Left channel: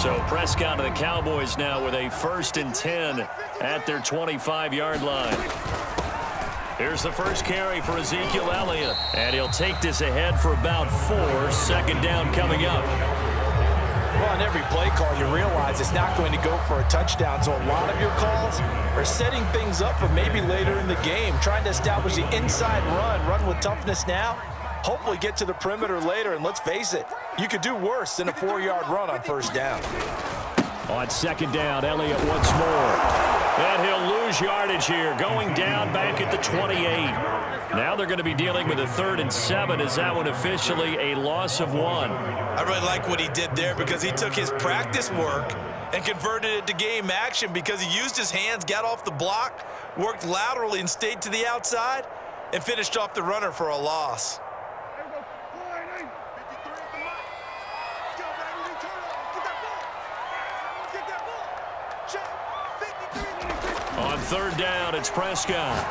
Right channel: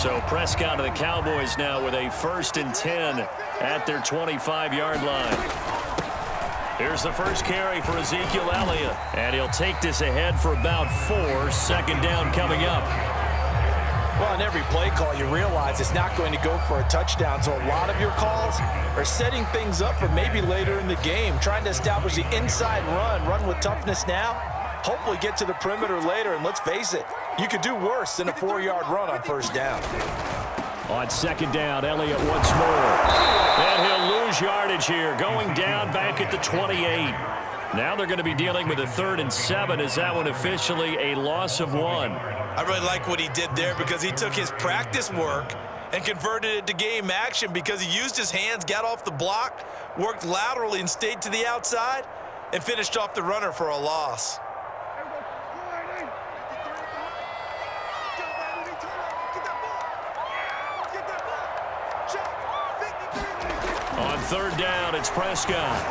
So Prescott of the Cowboys now with a 1st and 10 at their 25-yard line. Here's the first carry for Ezekiel Elliott. And he'll take this ahead for about 4. Second down coming up. Well, on every play call, you realize it's not going to go for a touchdown. So a lot of your calls are setting things up for maybe later in the game, trying to establish the inside run with toughness now, hopefully get to the perimeter later. And let's face it, you could do worse than a 4-yard run on first down. On second down, Elliott once more. And he'll lose yardage here, going down back at the 28. Now they're going to be dealing with a 3rd and 7. Is that one officially a loss of 1? I really like what he did there because he took his practice work and converted it to game action because he used his hands, got off the block, worked laterally and stayed to the outside, and finished off the runner for a loss. On 3rd down, it's Prescott.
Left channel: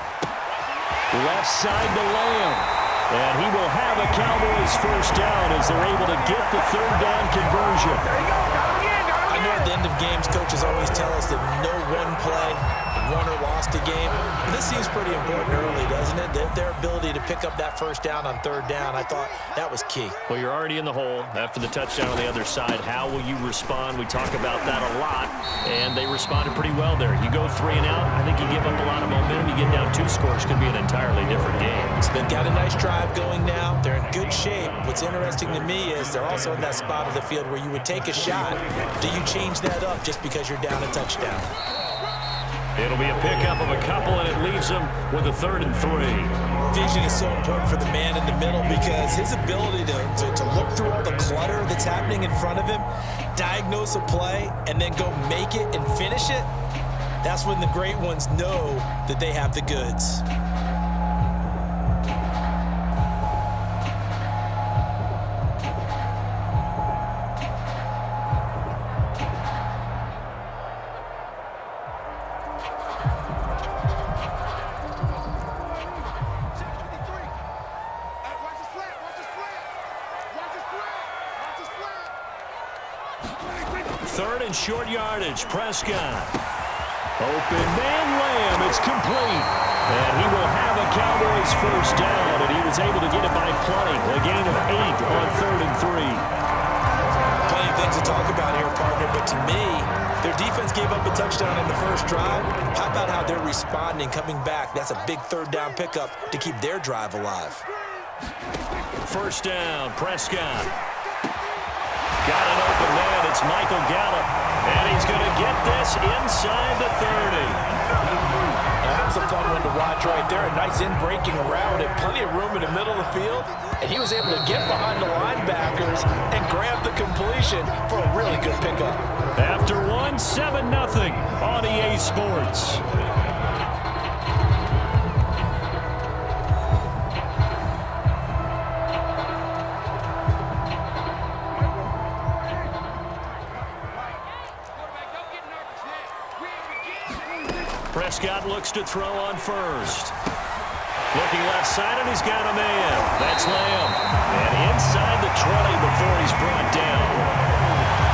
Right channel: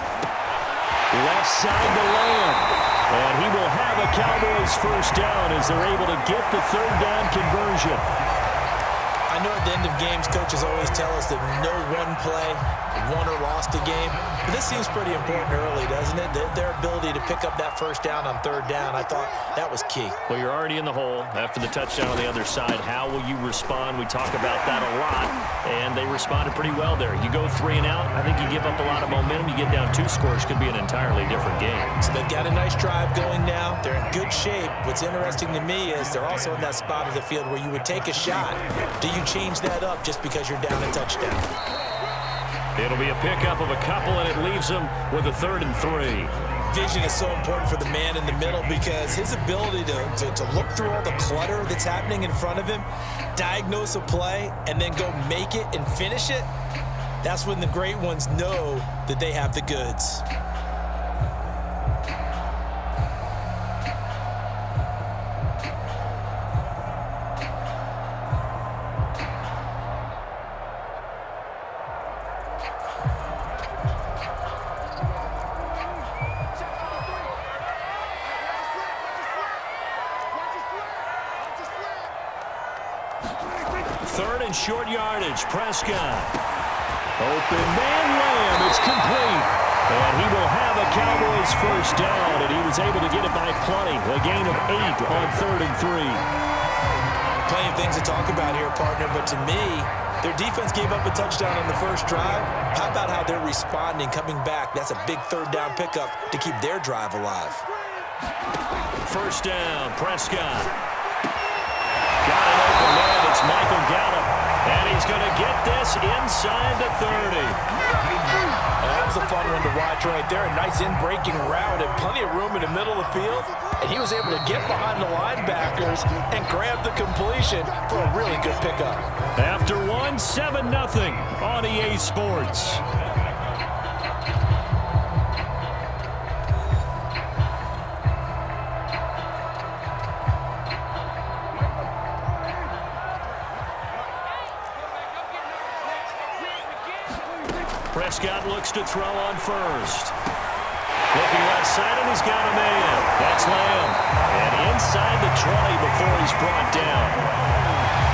Left side to Lamb. And he will have a Cowboys first down as they're able to get the 3rd down conversion. I know at the end of games, coaches always tell us that no one play won or lost a game. But this seems pretty important early, doesn't it? Their ability to pick up that first down on 3rd down, I thought that was key. Well, you're already in the hole after the touchdown on the other side. How will you respond? We talk about that a lot, and they responded pretty well there. You go 3 and out, I think you give up a lot of momentum. You get down 2 scores, could be an entirely different game. So they've got a nice drive going now. They're in good shape. What's interesting to me is they're also in that spot of the field where you would take a shot. Do you change that up just because you're down a touchdown? It'll be a pickup of a couple, and it leaves them with a 3rd and 3. Vision is so important for the man in the middle because his ability to look through all the clutter that's happening in front of him, diagnose a play, and then go make it and finish it, that's when the great ones know that they have the goods. Short yardage, Prescott. Open man, Lamb, it's complete. And he will have a Cowboys first down, and he was able to get it by plenty. A gain of 8 on 3rd and 3. Plenty of things to talk about here, partner, but to me, their defense gave up a touchdown on the first drive. How about how they're responding, coming back? That's a big 3rd down pickup to keep their drive alive. First down, Prescott. Got an open man. It's Michael Gallup. And he's going to get this inside the 30. That was a fun one to watch right there. A nice in-breaking route and plenty of room in the middle of the field. And he was able to get behind the linebackers and grab the completion for a really good pickup. After 1, 7-0 on EA Sports. Prescott looks to throw on first. Looking left side, and he's got a man. That's Lamb. And inside the 20 before he's brought down.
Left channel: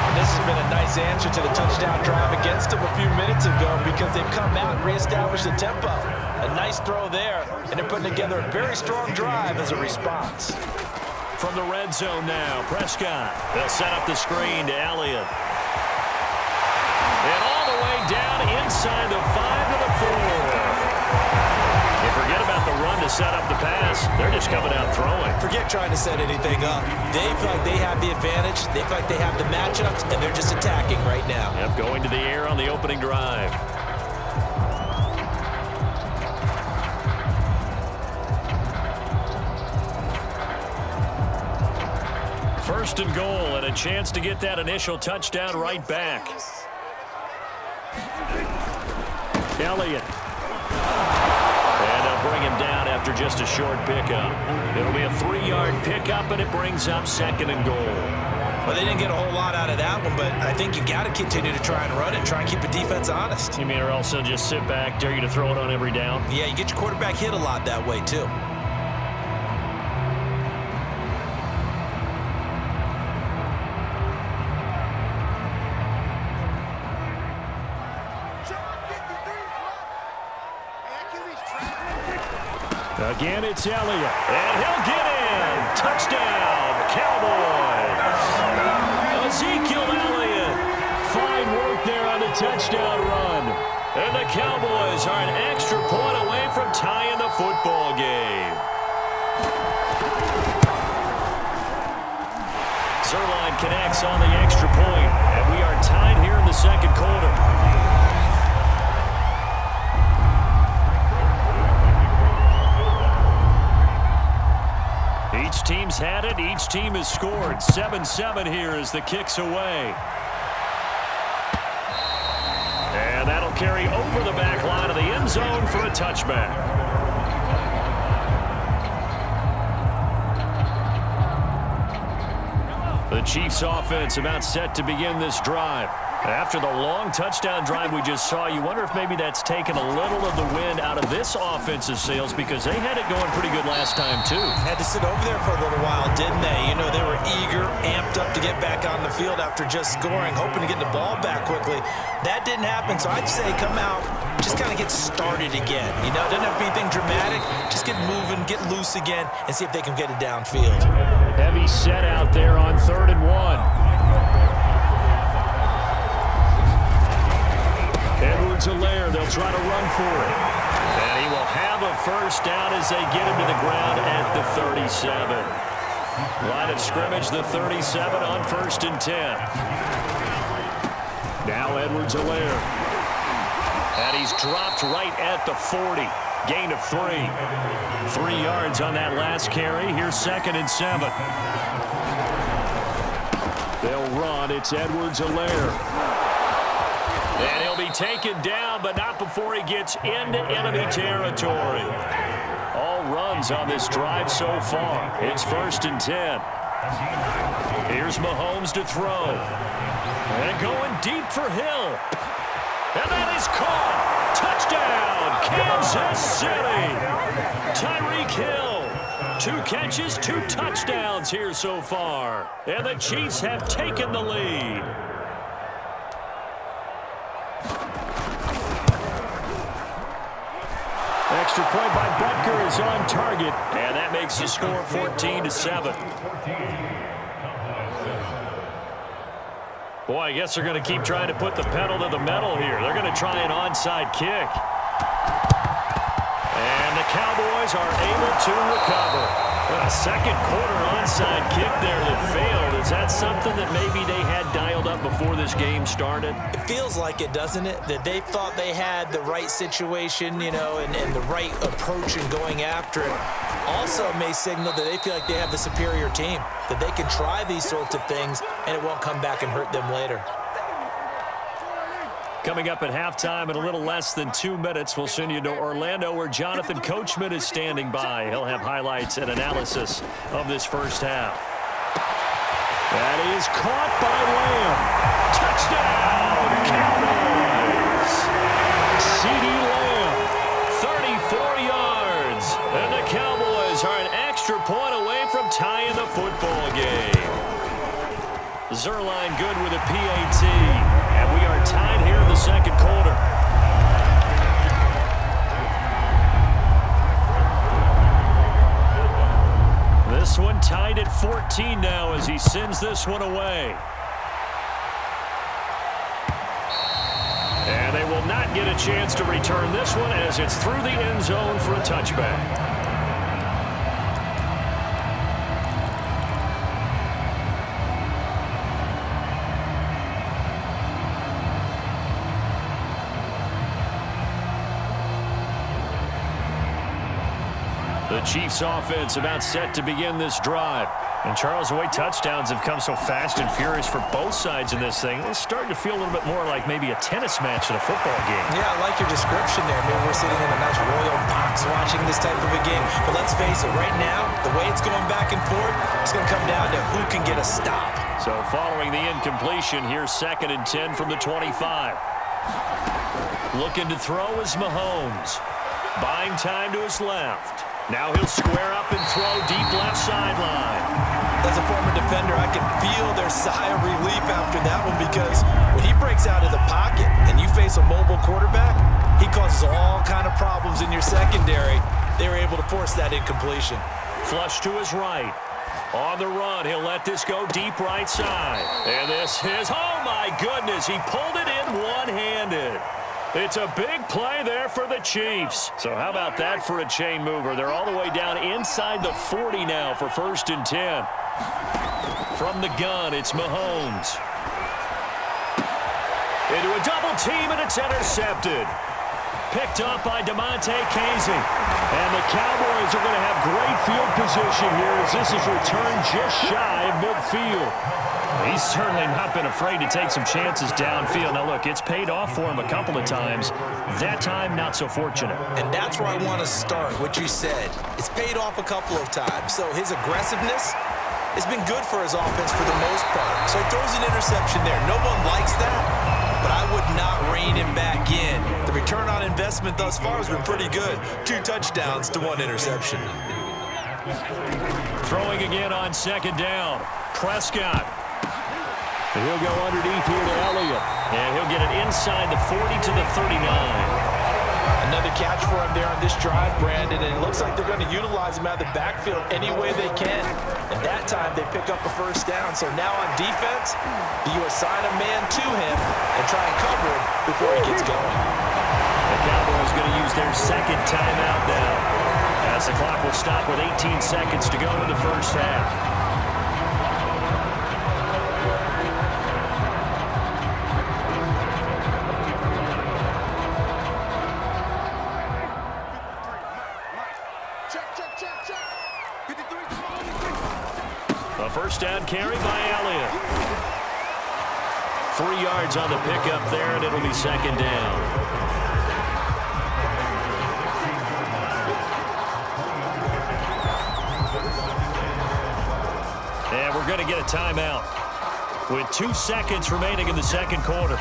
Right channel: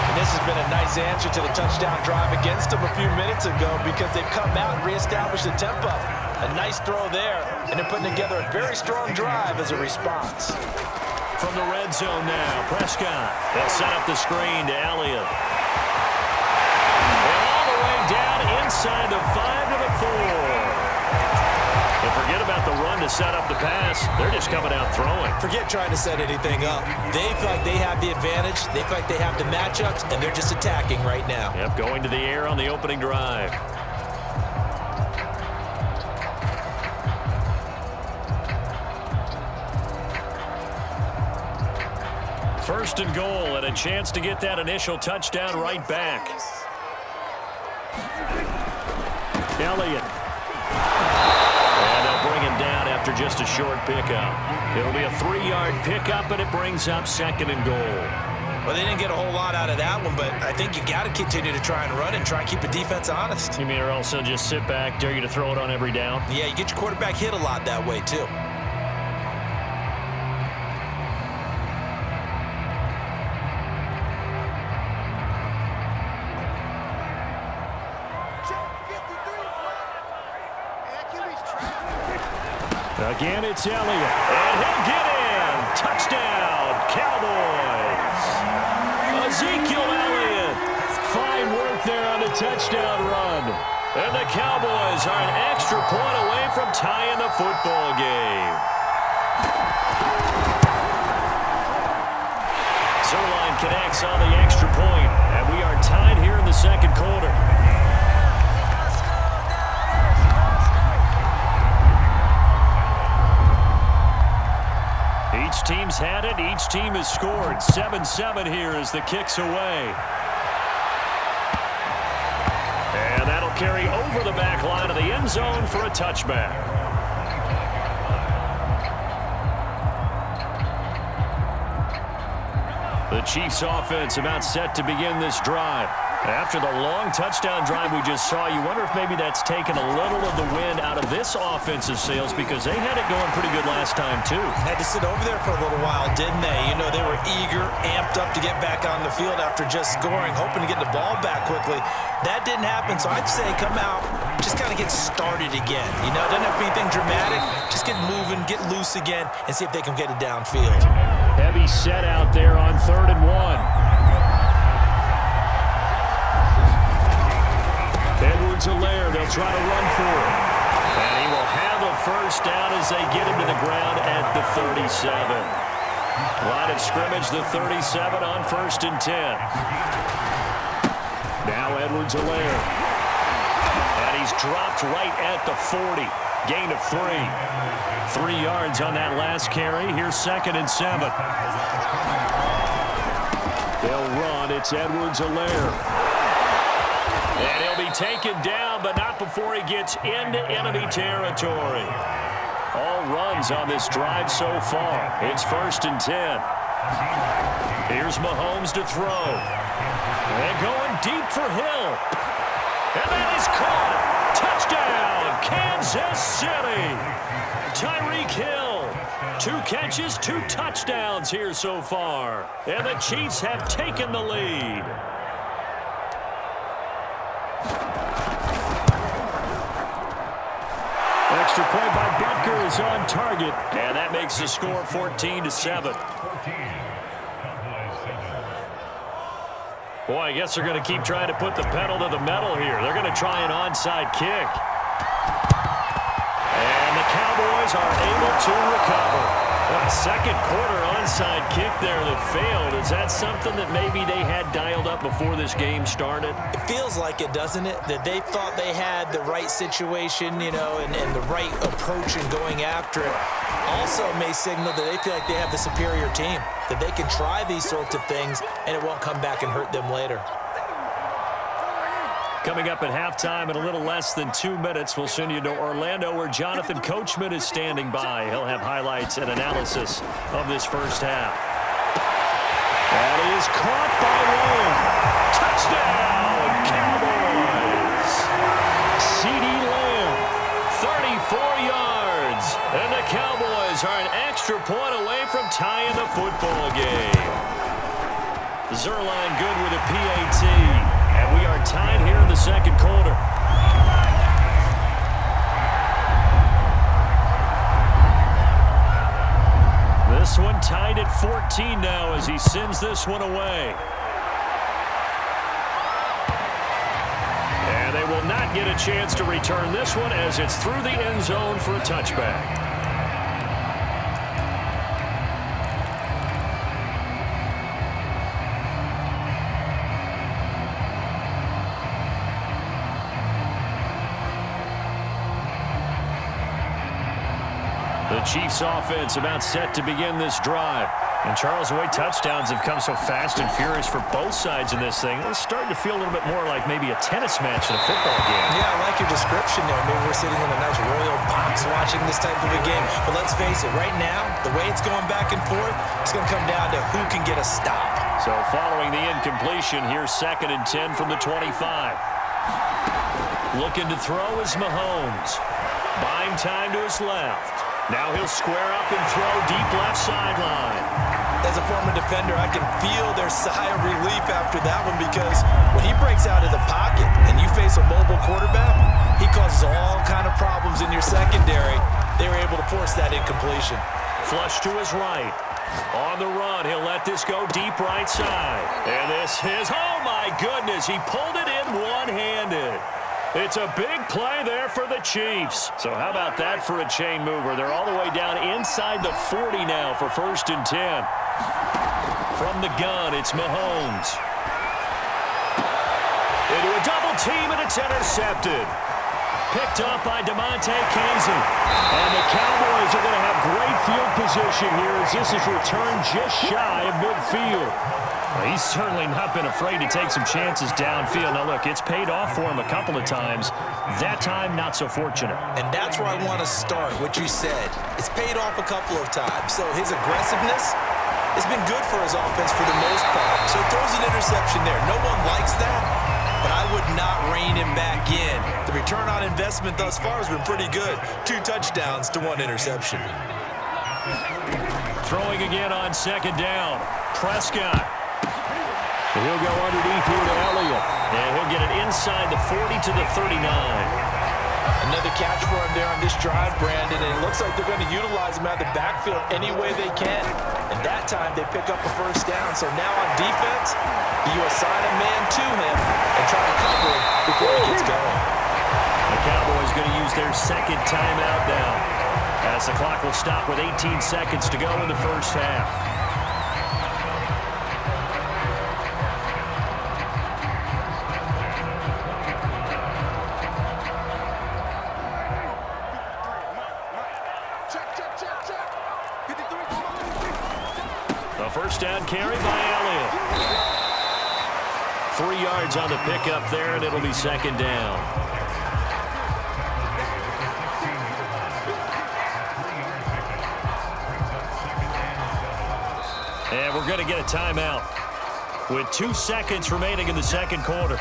And this has been a nice answer to the touchdown drive against them a few minutes ago because they've come out and reestablished the tempo. A nice throw there, and they're putting together a very strong drive as a response. From the red zone now, Prescott. They'll set up the screen to Elliott. And all the way down inside the 5 to the 4. And forget about the run to set up the pass. They're just coming out throwing. Forget trying to set anything up. They feel like they have the advantage. They feel like they have the matchups, and they're just attacking right now. Yep, going to the air on the opening drive. First and goal, and a chance to get that initial touchdown right back. Elliott. And they'll bring him down after just a short pickup. It'll be a 3-yard pickup, and it brings up 2nd and goal. Well, they didn't get a whole lot out of that one, but I think you've got to continue to try and run and try and keep the defense honest. You mean, or else they'll just sit back, dare you to throw it on every down? Yeah, you get your quarterback hit a lot that way, too. Again, it's Elliott. And he'll get in. Touchdown, Cowboys. Ezekiel Elliott. Fine work there on the touchdown run. And the Cowboys are an extra point away from tying the football game. Zuerlein connects on the extra point, and we are tied here in the second quarter. Each team's had it. Each team has scored. 7-7 here as the kick's away. And that'll carry over the back line of the end zone for a touchback. The Chiefs offense about set to begin this drive. After the long touchdown drive we just saw, you wonder if maybe that's taken a little of the wind out of this offensive sails because they had it going pretty good last time too. Had to sit over there for a little while, didn't they? You know, they were eager, amped up to get back on the field after just scoring, hoping to get the ball back quickly. That didn't happen, so I'd say come out, just kind of get started again. You know, it doesn't have to be anything dramatic. Just get moving, get loose again, and see if they can get it downfield. Heavy set out there on 3rd and 1. Edwards-Helaire, they'll try to run for it. And he will have a first down as they get him to the ground at the 37. Line of scrimmage, the 37 on 1st and 10. Now Edwards-Helaire. And he's dropped right at the 40. Gain of 3. 3 yards on that last carry. Here's 2nd and 7. They'll run. It's Edwards-Helaire. And he'll be taken down, but not before he gets into enemy territory. All runs on this drive so far. It's 1st and 10. Here's Mahomes to throw. And going deep for Hill. And that is caught. Touchdown, Kansas City. Tyreek Hill. 2 catches, 2 touchdowns here so far. And the Chiefs have taken the lead. Extra point by Butker is on target, and that makes the score 14-7. Boy, I guess they're going to keep trying to put the pedal to the metal here. They're going to try an onside kick. And the Cowboys are able to recover. A second quarter onside kick there that failed. Is that something that maybe they had dialed up before this game started? It feels like it, doesn't it? That they thought they had the right situation, you know, and the right approach in going after it. Also may signal that they feel like they have the superior team, that they can try these sorts of things and it won't come back and hurt them later. Coming up at halftime in a little less than 2 minutes, we'll send you to Orlando where Jonathan Coachman is standing by. He'll have highlights and analysis of this first half. That is caught by Lamb. Touchdown, Cowboys! CeeDee Lamb, 34 yards. And the Cowboys are an extra point away from tying the football game. Zuerlein good with a PAT. And we are tied here in the second quarter. This one tied at 14 now as he sends this one away. And they will not get a chance to return this one as it's through the end zone for a touchback. The Chiefs offense about set to begin this drive. And Charles, the way touchdowns have come so fast and furious for both sides in this thing, it's starting to feel a little bit more like maybe a tennis match in a football game. Yeah, I like your description there. Maybe we're sitting in a nice royal box watching this type of a game. But let's face it, right now, the way it's going back and forth, it's going to come down to who can get a stop. So following the incompletion, here's 2nd and 10 from the 25. Looking to throw is Mahomes. Buying time to his left. Now he'll square up and throw deep left sideline. As a former defender, I can feel their sigh of relief after that one, because when he breaks out of the pocket and you face a mobile quarterback, he causes all kind of problems in your secondary. They were able to force that incompletion. Flush to his right. On the run, he'll let this go deep right side. And this is, oh my goodness, he pulled it in one-handed. It's a big play there for the Chiefs. So how about that for a chain mover? They're all the way down inside the 40 now for 1st and 10. From the gun, it's Mahomes. Into a double team, and it's intercepted. Picked up by DeMonte Casey. And the Cowboys are going to have great field position here as this is returned just shy of midfield. Well, he's certainly not been afraid to take some chances downfield. Now, look, it's paid off for him a couple of times. That time, not so fortunate. And that's where I want to start, what you said. It's paid off a couple of times. So his aggressiveness has been good for his offense for the most part. So he throws an interception there. No one likes that, but I would not rein him back in. The return on investment thus far has been pretty good. 2 touchdowns to 1 interception. Throwing again on 2nd down. Prescott. And he'll go underneath here to Elliott. And he'll get it inside the 40 to the 39. Another catch for him there on this drive, Brandon, and it looks like they're going to utilize him out of the backfield any way they can. And that time they pick up a 1st down. So now on defense, you assign a man to him and try and cover him before he gets going. The Cowboys going to use their 2nd timeout now, as the clock will stop with 18 seconds to go in the 1st half. A 1st down carry by Elliott. 3 yards on the pickup there, and it'll be 2nd down. And we're going to get a timeout with 2 seconds remaining in the 2nd quarter.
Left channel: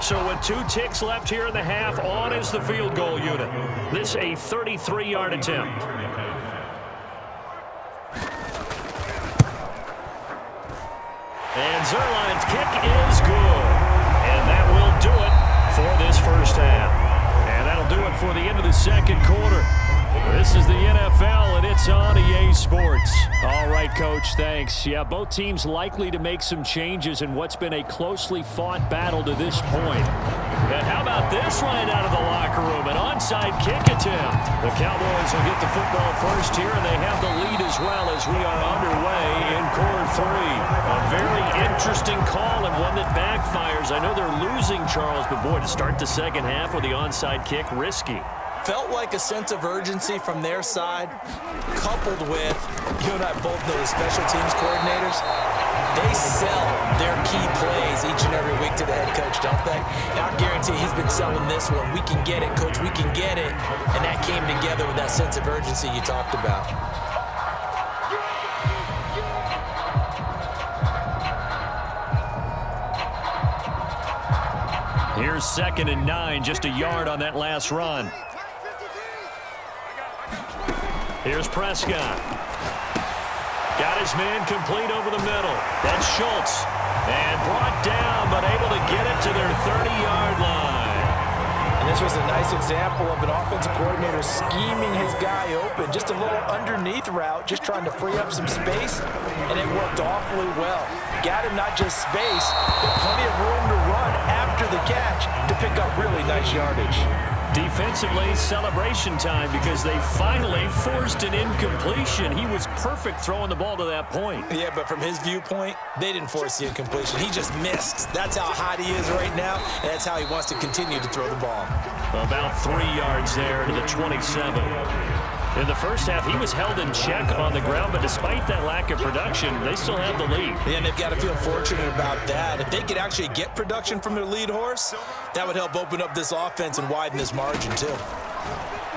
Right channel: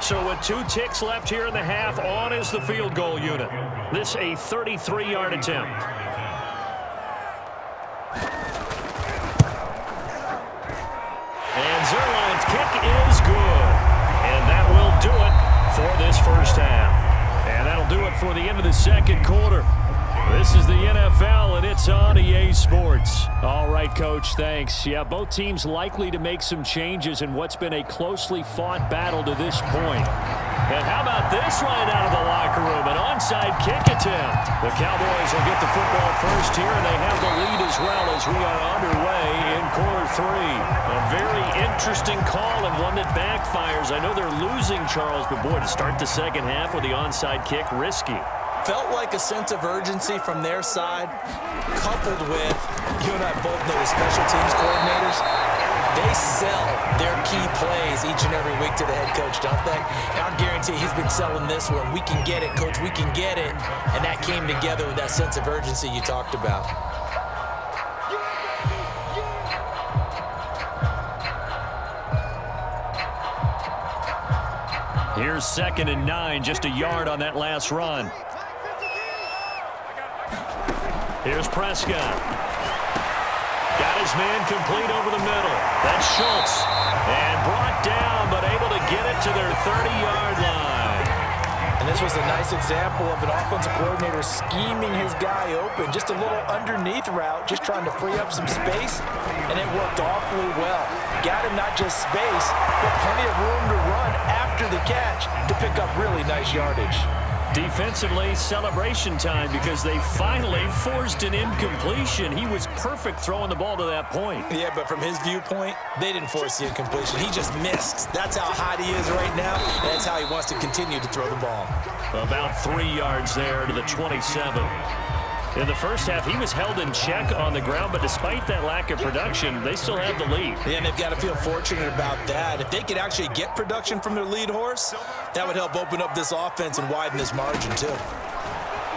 So with 2 ticks left here in the half, on is the field goal unit. This a 33-yard attempt. And Zuerlein's kick is good. And that will do it for this 1st half. And that'll do it for the end of the 2nd quarter. This is the NFL, and it's on EA Sports. All right, Coach, thanks. Yeah, both teams likely to make some changes in what's been a closely fought battle to this point. And how about this right out of the locker room? An onside kick attempt. The Cowboys will get the football first here, and they have the lead as well as we are underway in quarter 3. A very interesting call and one that backfires. I know they're losing, Charles, but boy, to start the 2nd half with the onside kick, risky. Felt like a sense of urgency from their side, coupled with, you and I both know the special teams coordinators, they sell their key plays each and every week to the head coach, don't they? And I guarantee he's been selling this one. We can get it, coach, we can get it. And that came together with that sense of urgency you talked about. Here's 2nd and 9, just a yard on that last run. Here's Prescott. Got his man complete over the middle. That's Schultz. And brought down, but able to get it to their 30-yard line. And this was a nice example of an offensive coordinator scheming his guy open. Just a little underneath route, just trying to free up some space, and it worked awfully well. Got him not just space, but plenty of room to run after the catch to pick up really nice yardage. Defensively, celebration time because they finally forced an incompletion. He was perfect throwing the ball to that point. Yeah, but from his viewpoint, they didn't force the incompletion. He just missed. That's how hot he is right now, and that's how he wants to continue to throw the ball. About 3 yards there to the 27. In the 1st half, he was held in check on the ground, but despite that lack of production, they still have the lead. Yeah, and they've got to feel fortunate about that. If they could actually get production from their lead horse, that would help open up this offense and widen this margin, too.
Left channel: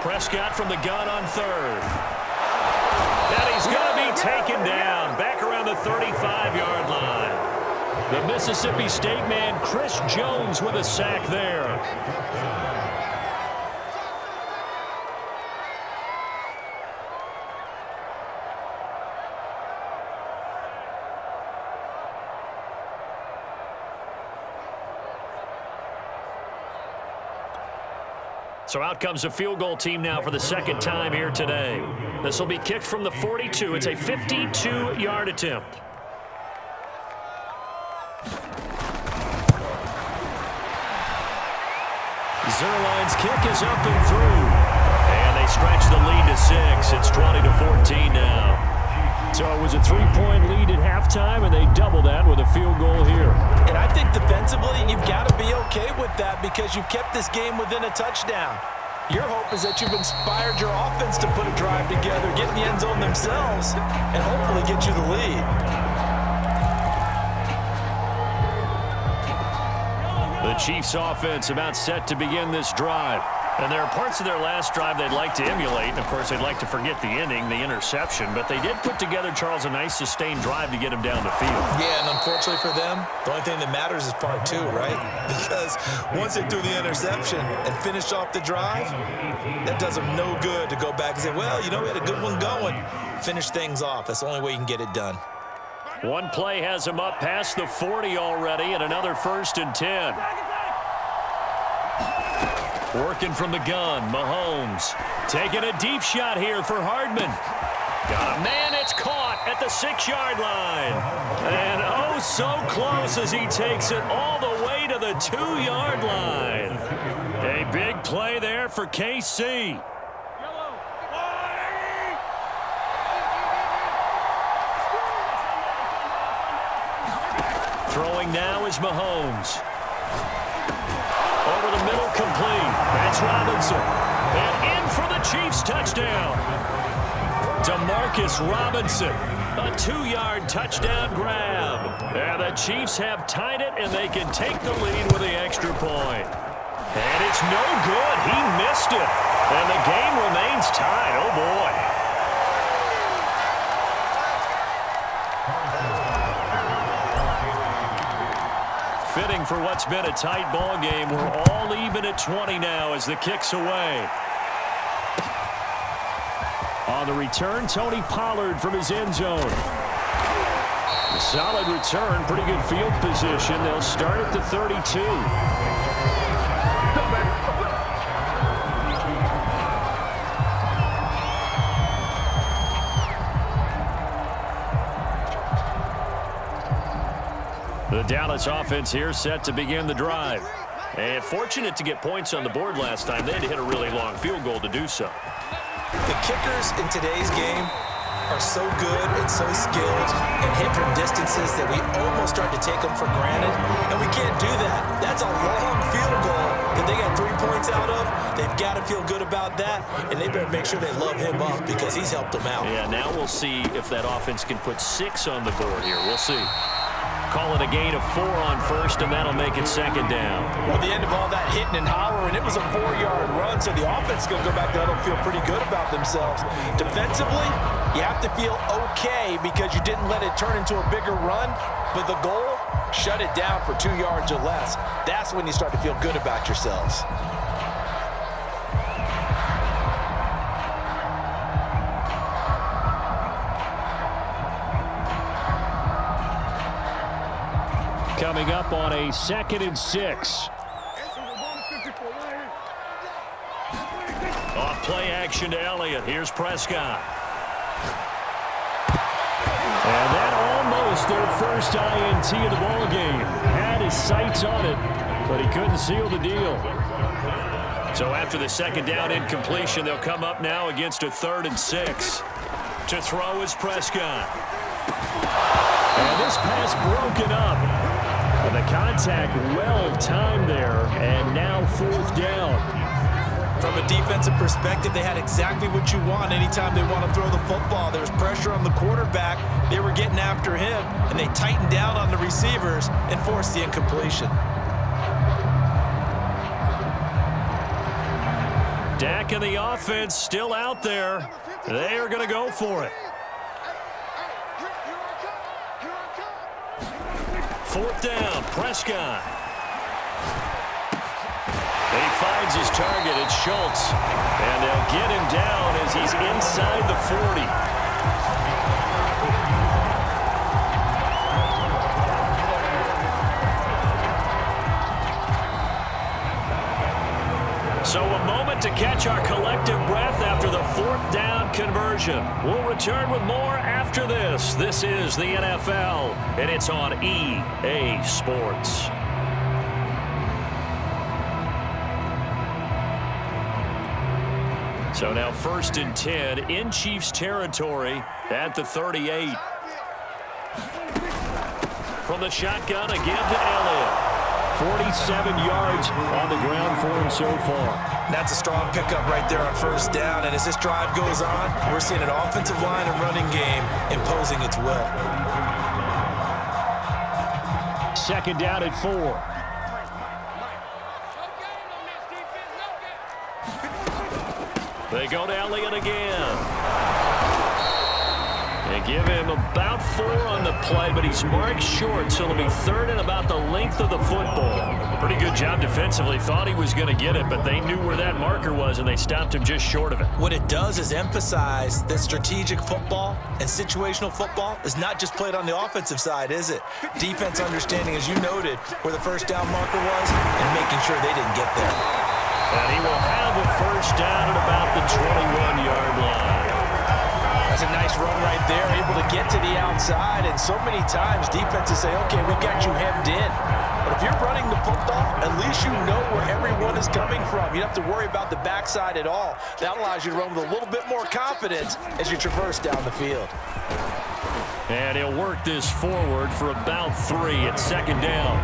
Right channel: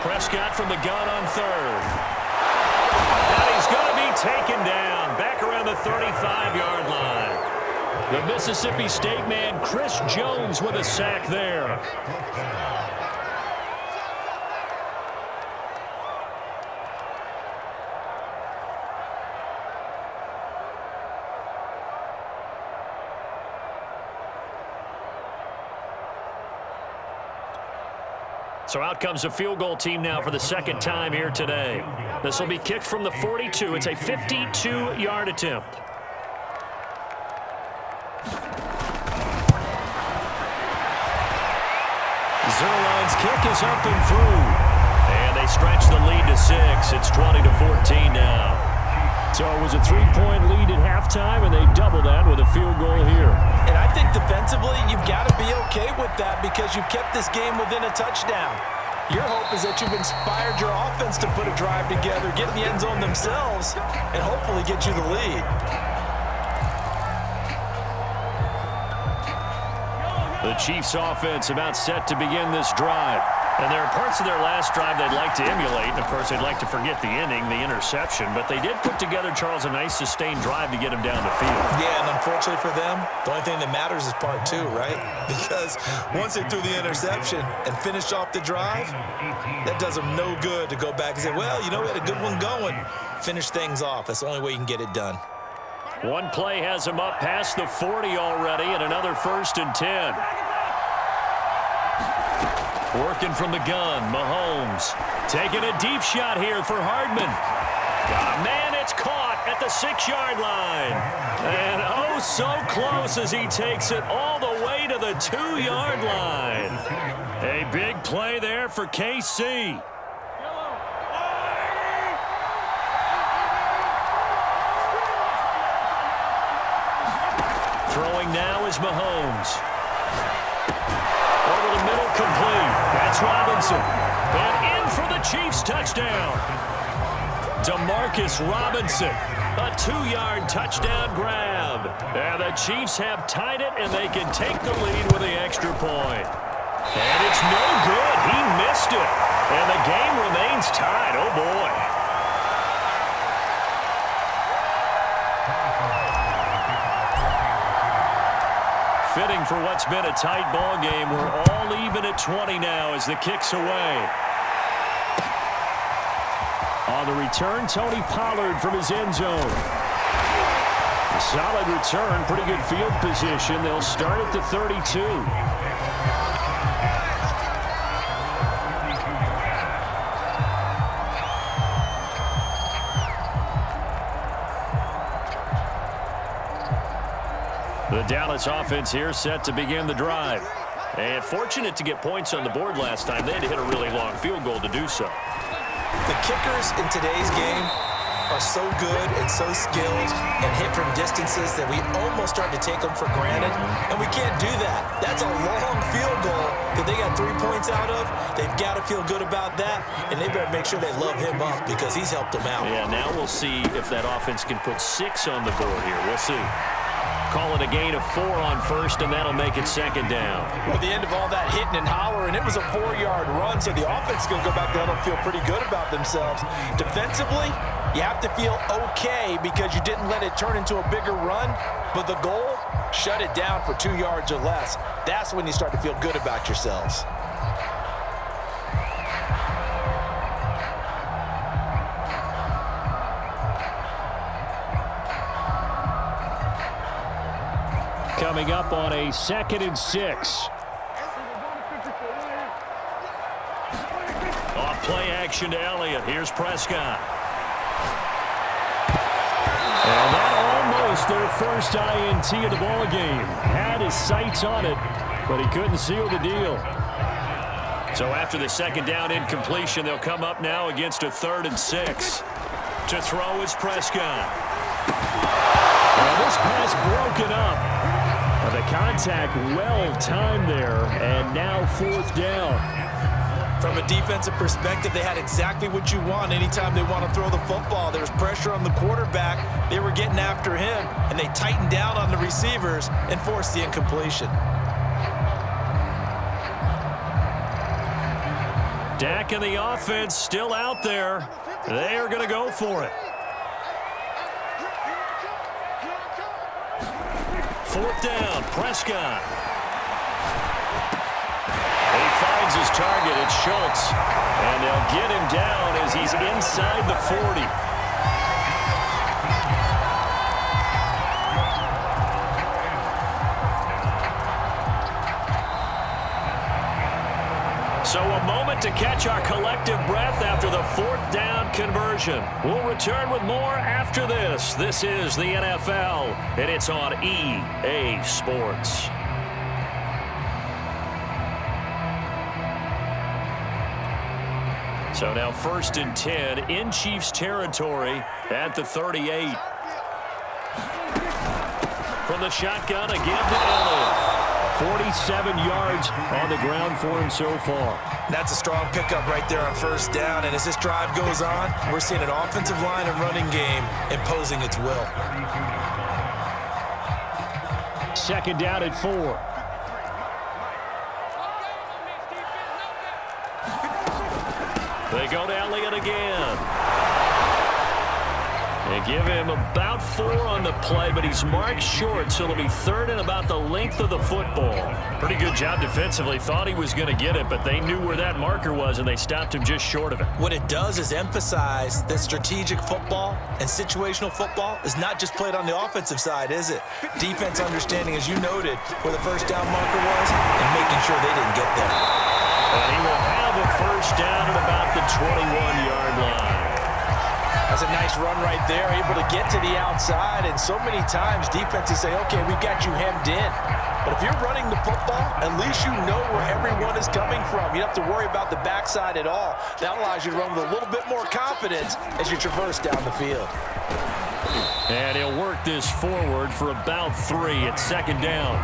Prescott from the gun on 3rd. And he's going to be taken down back around the 35-yard line. The Mississippi State man, Chris Jones, with a sack there. So out comes a field goal team now for the second time here today. This will be kicked from the 42. It's a 52-yard attempt. Zuerlein's kick is up and through. And they stretch the lead to 6. It's 20-14 now. So it was a 3-point lead at halftime, and they double that with a field goal here. And I think defensively, you've got to be okay with that because you've kept this game within a touchdown. Your hope is that you've inspired your offense to put a drive together, get in the end zone themselves, and hopefully get you the lead. The Chiefs offense about set to begin this drive. And there are parts of their last drive they'd like to emulate. And, of course, they'd like to forget the inning, the interception. But they did put together, Charles, a nice sustained drive to get them down the field. Yeah, and unfortunately for them, the only thing that matters is part 2, right? Because once they threw the interception and finished off the drive, that does them no good to go back and say, well, you know, we had a good one going. Finish things off. That's the only way you can get it done. One play has him up past the 40 already, and another 1st and 10. Working from the gun, Mahomes. Taking a deep shot here for Hardman. Got a man, it's caught at the 6-yard line. And oh, so close as he takes it all the way to the 2-yard line. A big play there for KC. Throwing now is Mahomes. Over the middle, complete. That's Robinson. And in for the Chiefs touchdown. Demarcus Robinson. A 2-yard touchdown grab. And the Chiefs have tied it, and they can take the lead with the extra point. And it's no good. He missed it. And the game remains tied. Oh, boy. Fitting for what's been a tight ball game. We're all even at 20 now as the kick's away. On the return, Tony Pollard from his end zone. Solid return, pretty good field position. They'll start at the 32. The Dallas offense here set to begin the drive. And fortunate to get points on the board last time. They had to hit a really long field goal to do so. The kickers in today's game are so good and so skilled and hit from distances that we almost start to take them for granted. And we can't do that. That's a long field goal that they got 3 points out of. They've got to feel good about that, and they better make sure they love him up because he's helped them out. Yeah, now we'll see if that offense can put 6 on the board here. We'll see. Call it a gain of 4 on first, and that'll make it 2nd down. Well, the end of all that hitting and hollering, it was a 4-yard run, so the offense is going to go back there and feel pretty good about themselves. Defensively, you have to feel okay because you didn't let it turn into a bigger run, but the goal, shut it down for 2 yards or less. That's when you start to feel good about yourselves. Coming up on a 2nd and 6. Off play action to Elliott. Here's Prescott. And that almost their first INT of the ball game. Had his sights on it, but he couldn't seal the deal. So after the 2nd down incompletion, they'll come up now against a 3rd and 6. To throw is Prescott. And this pass broken up. The contact well timed there, and now 4th down. From a defensive perspective, they had exactly what you want anytime they want to throw the football. There was pressure on the quarterback. They were getting after him, and they tightened down on the receivers and forced the incompletion. Dak and the offense still out there. They are going to go for it. 4th down, Prescott. He finds his target. It's Schultz. And they'll get him down as he's inside the 40. So a moment moment to catch our collective breath after the fourth down conversion. We'll return with more after this. This is the NFL, and it's on EA Sports. So now 1st and 10 in Chiefs territory at the 38. From the shotgun, a give to Elliott. 47 yards on the ground for him so far. That's a strong pickup right there on 1st down. And as this drive goes on, we're seeing an offensive line and running game imposing its will. 2nd down at 4. They go to Elliott again. They give him about 4 on the play, but he's marked short, so it'll be 3rd and about the length of the football. Pretty good job defensively. Thought he was going to get it, but they knew where that marker was, and they stopped him just short of it. What it does is emphasize that strategic football and situational football is not just played on the offensive side, is it? Defense understanding, as you noted, where the 1st down marker was and making sure they didn't get there. And he will have a 1st down at about the 21-yard line. That's a nice run right there, able to get to the outside. And so many times defenses say, okay, we got you hemmed in. But if you're running the football, at least you know where everyone is coming from. You don't have to worry about the backside at all. That allows you to run with a little bit more confidence as you traverse down the field. And he'll work this forward for about 3 at 2nd down.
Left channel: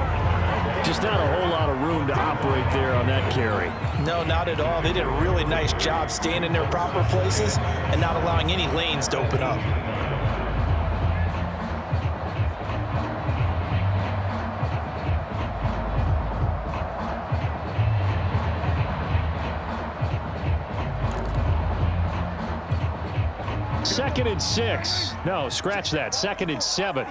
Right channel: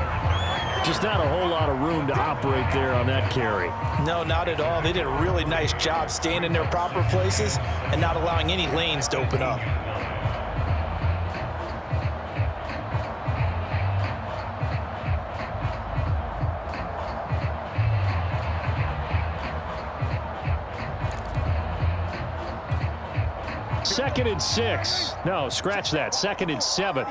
Just not a whole lot of room to operate there on that carry. No, not at all. They did a really nice job staying in their proper places and not allowing any lanes to open up. Second and 6. No, scratch that. 2nd and 7.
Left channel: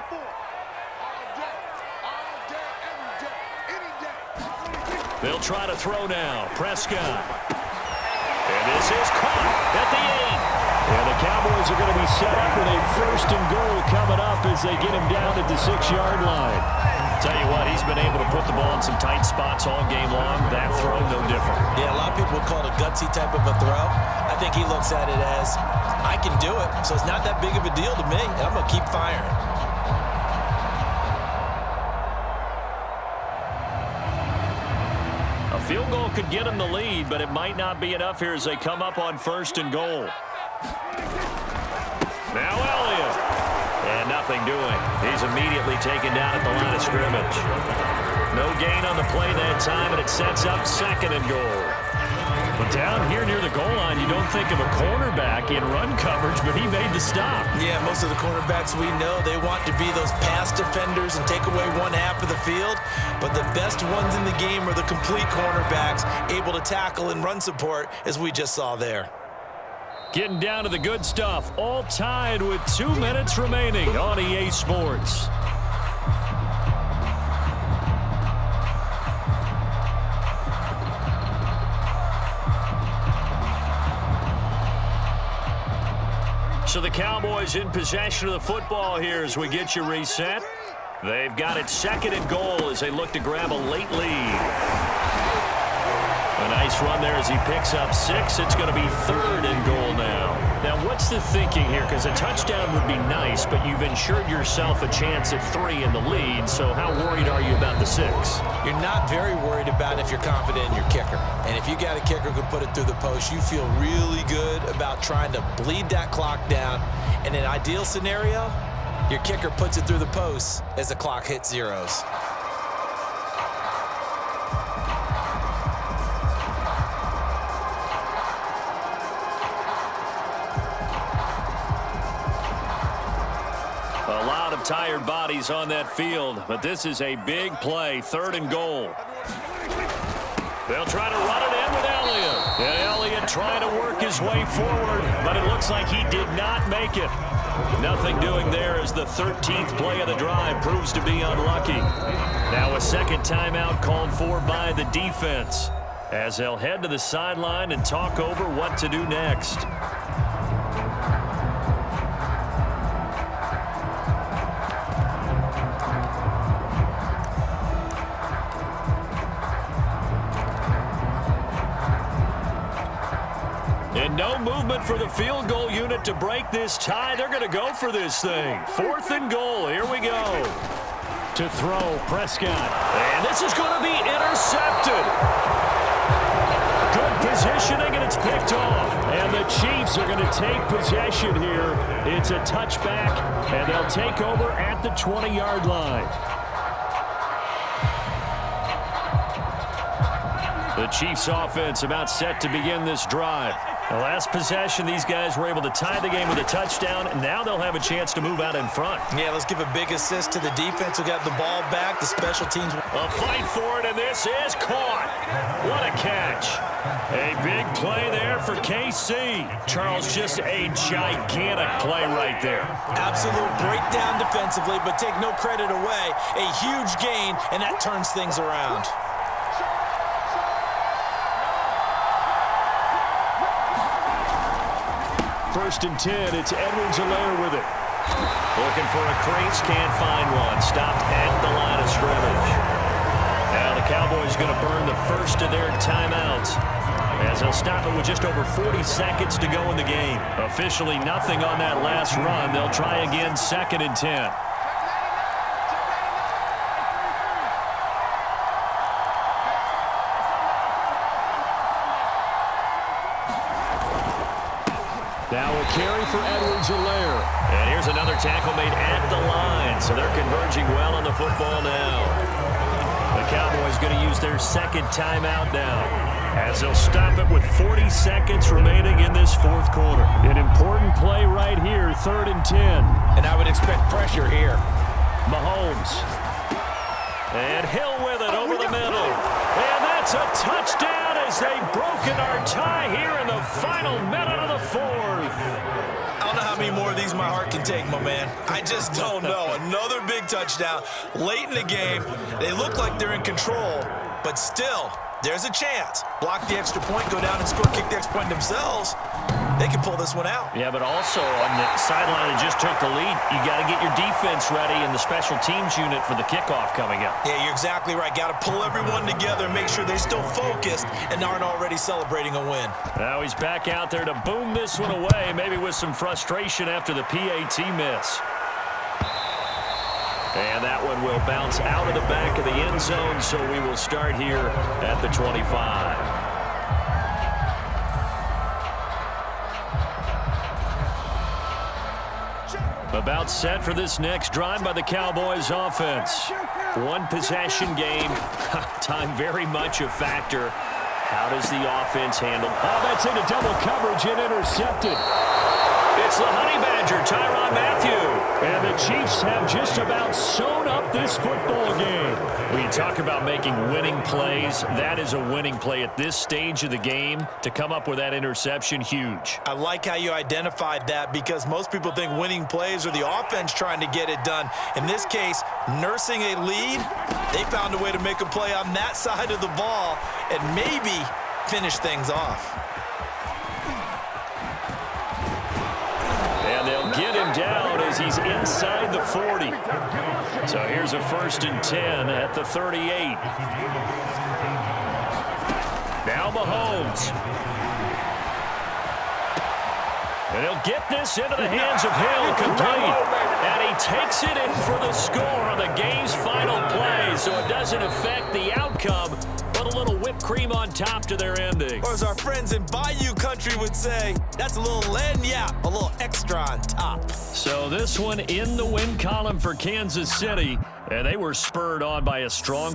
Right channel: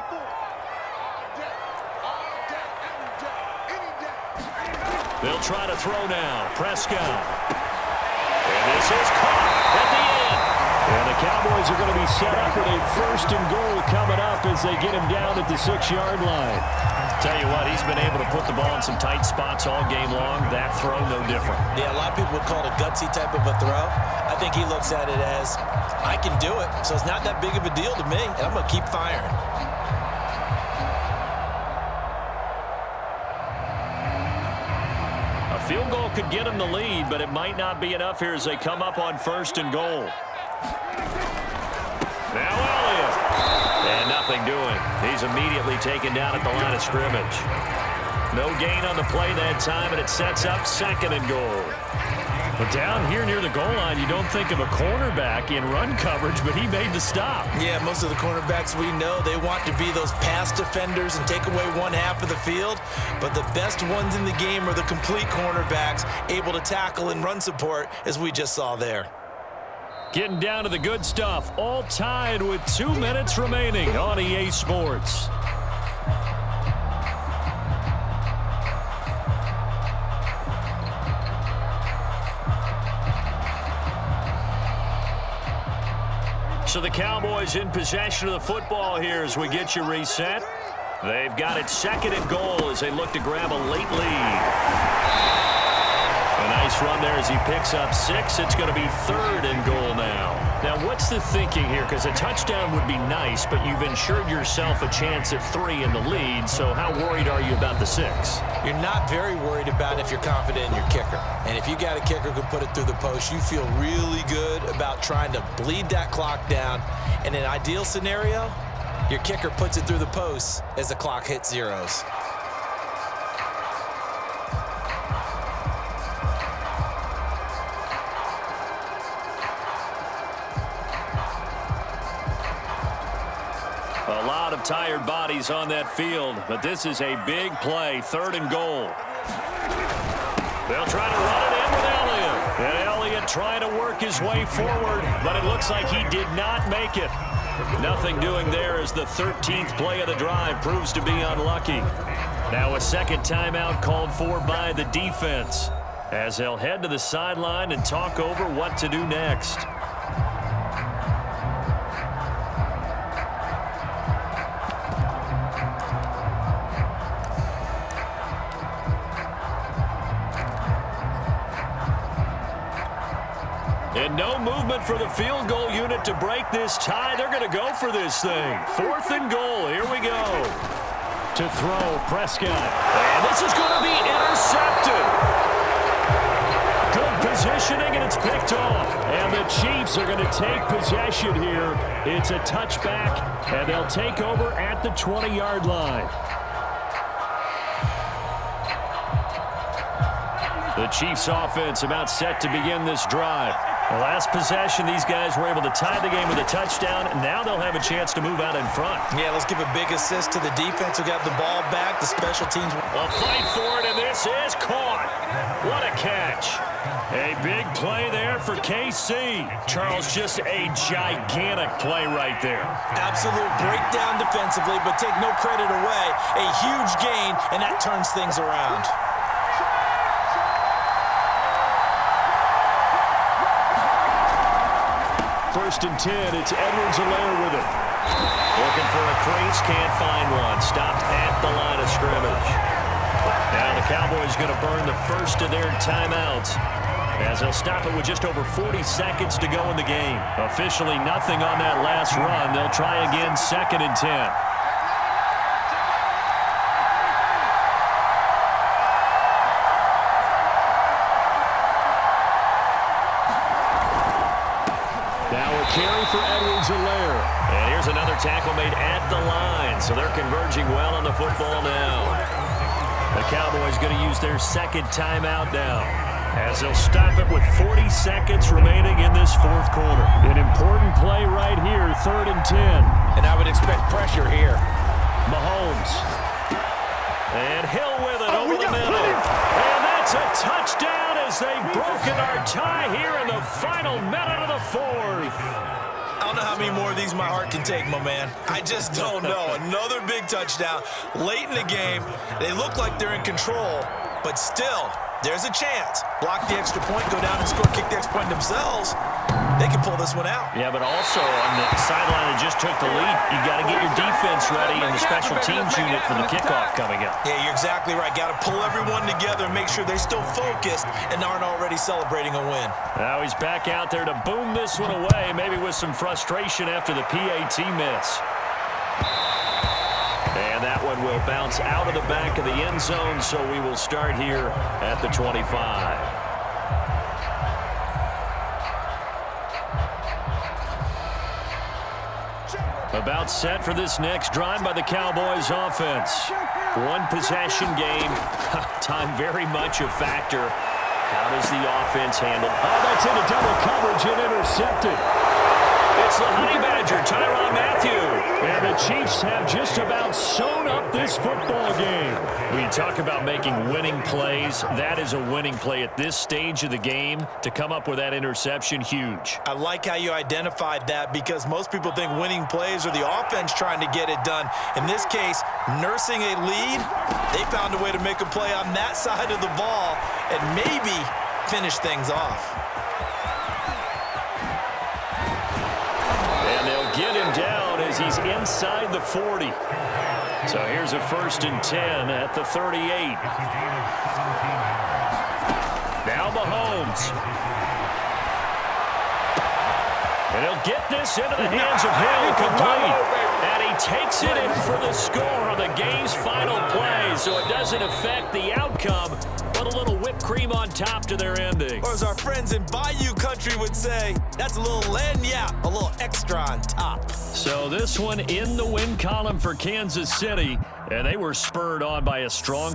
They'll try to throw now. Prescott. And this is caught at the 8. And the Cowboys are going to be set up with a 1st and goal coming up as they get him down at the 6-yard line. Tell you what, he's been able to put the ball in some tight spots all game long. That throw, no different. Yeah, a lot of people would call it a gutsy type of a throw. I think he looks at it as, I can do it, so it's not that big of a deal to me, and I'm going to keep firing. A field goal could get him the lead, but it might not be enough here as they come up on 1st and goal. Now Elliott. And nothing doing. He's immediately taken down at the line of scrimmage. No gain on the play that time, and it sets up 2nd and goal. But down here near the goal line, you don't think of a cornerback in run coverage, but he made the stop. Yeah, most of the cornerbacks we know, they want to be those pass defenders and take away one half of the field. But the best ones in the game are the complete cornerbacks, able to tackle and run support, as we just saw there. Getting down to the good stuff, all tied with 2 minutes remaining on EA Sports. So the Cowboys in possession of the football here as we get you reset. They've got it 2nd and goal as they look to grab a late lead. A nice run there as he picks up 6. It's going to be 3rd and goal now. Now, what's the thinking here? Because a touchdown would be nice, but you've ensured yourself a chance at 3 in the lead, so how worried are you about the 6? You're not very worried about if you're confident in your kicker. And if you got a kicker who can put it through the post, you feel really good about trying to bleed that clock down. In an ideal scenario, your kicker puts it through the post as the clock hits zeros. A lot of tired bodies on that field, but this is a big play, 3rd and goal. They'll try to run it in with Elliott. And Elliott trying to work his way forward, but it looks like he did not make it. Nothing doing there as the 13th play of the drive proves to be unlucky. Now a 2nd timeout called for by the defense as they'll head to the sideline and talk over what to do next. And no movement for the field goal unit to break this tie. They're going to go for this thing. 4th and goal. Here we go. To throw, Prescott. And this is going to be intercepted. Good positioning, and it's picked off. And the Chiefs are going to take possession here. It's a touchback, and they'll take over at the 20-yard line. The Chiefs offense about set to begin this drive. The last possession, these guys were able to tie the game with a touchdown, and now they'll have a chance to move out in front. Yeah, let's give a big assist to the defense who got the ball back. The special teams. A fight for it, and this is caught. What a catch. A big play there for KC. Charles, just a gigantic play right there. Absolute breakdown defensively, but take no credit away. A huge gain, and that turns things around. First and 10, it's Edwards-Helaire with it. Looking for a crease, can't find one. Stopped at the line of scrimmage. Now the Cowboys going to burn the first of their timeouts, as they'll stop it with just over 40 seconds to go in the game. Officially nothing on that last run. They'll try again, 2nd and 10. Now a carry for Edwards-Helaire. And here's another tackle made at the line, so they're converging well on the football now. The Cowboys going to use their 2nd timeout now, as they'll stop it with 40 seconds remaining in this 4th quarter. An important play right here, 3rd and 10. And I would expect pressure here. Mahomes. And Hill with it over the middle. And that's a touchdown as they've broken our tie here in the final minute of the 4th. I don't know how many more of these my heart can take, my man. I just don't know. Another big touchdown late in the game. They look like they're in control, but still, there's a chance. Block the extra point, go down and score, kick the extra point themselves. They can pull this one out. Yeah, but also on the sideline that just took the lead, you got to get your defense ready and the special teams unit for the kickoff coming up. Yeah, you're exactly right. Got to pull everyone together and make sure they're still focused and aren't already celebrating a win. Now he's back out there to boom this one away, maybe with some frustration after the PAT miss. And that one will bounce out of the back of the end zone, so we will start here at the 25. About set for this next drive by the Cowboys offense. One possession game. Time very much a factor. How does the offense handle? Oh, that's into double coverage and intercepted. It's the Honey Badger, Tyrann Mathieu. And the Chiefs have just about sewn up this football game. When you talk about making winning plays, that is a winning play at this stage of the game. To come up with that interception, huge. I like how you identified that, because most people think winning plays are the offense trying to get it done. In this case, nursing a lead, they found a way to make a play on that side of the ball and maybe finish things off. And they'll get him down as he's inside the 40. So here's a 1st and 10 at the 38. Now Mahomes. And he'll get this into the hands of Hill, complete. And he takes it in for the score on the game's final play, so it doesn't affect the outcome, but a little whipped cream on top to their ending. Or as our friends in Bayou Country would say, that's a little lagniappe, a little extra on top. So this one in the win column for Kansas City, and they were spurred on by a strong